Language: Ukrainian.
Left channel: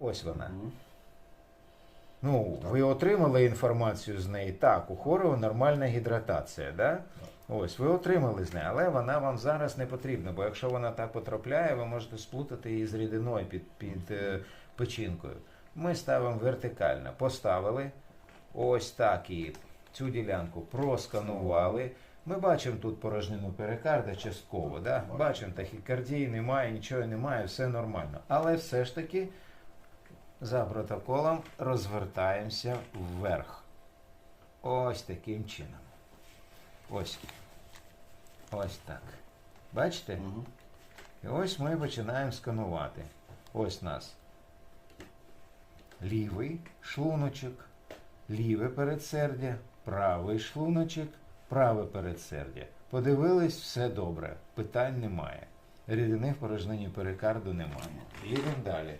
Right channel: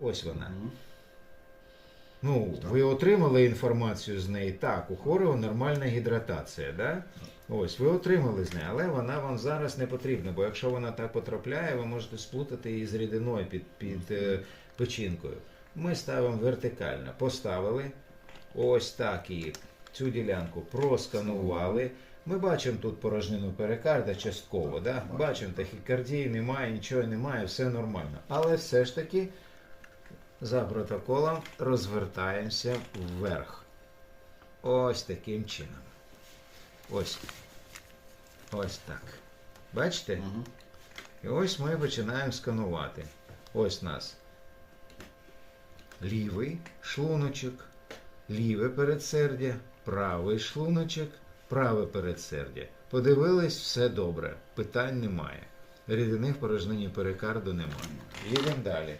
Ось вона. Ну, ви отримали інформацію з неї. Так, у Хорова нормальна гідратація, да? Ось, ви отримали з неї, але вона вам зараз не потрібна, бо якщо вона так потрапляє, ви можете сплутати її з рідиною під, під е, печінкою. Ми ставимо вертикально. Поставили ось так її, цю ділянку просканували. Ми бачимо тут порожнину перикарда частково, да? бачимо тахікардії немає, нічого немає, все нормально. Але все ж таки за протоколом розвертаємося вверх. Ось таким чином. Ось. Ось так. Бачите? Мгм. І ось ми починаємо сканувати. Ось у нас лівий шлуночок, ліве передсердя, правий шлуночок, праве передсердя. Подивились, все добре, питань немає. Рідини в порожнині перикарду немає. Їдемо далі.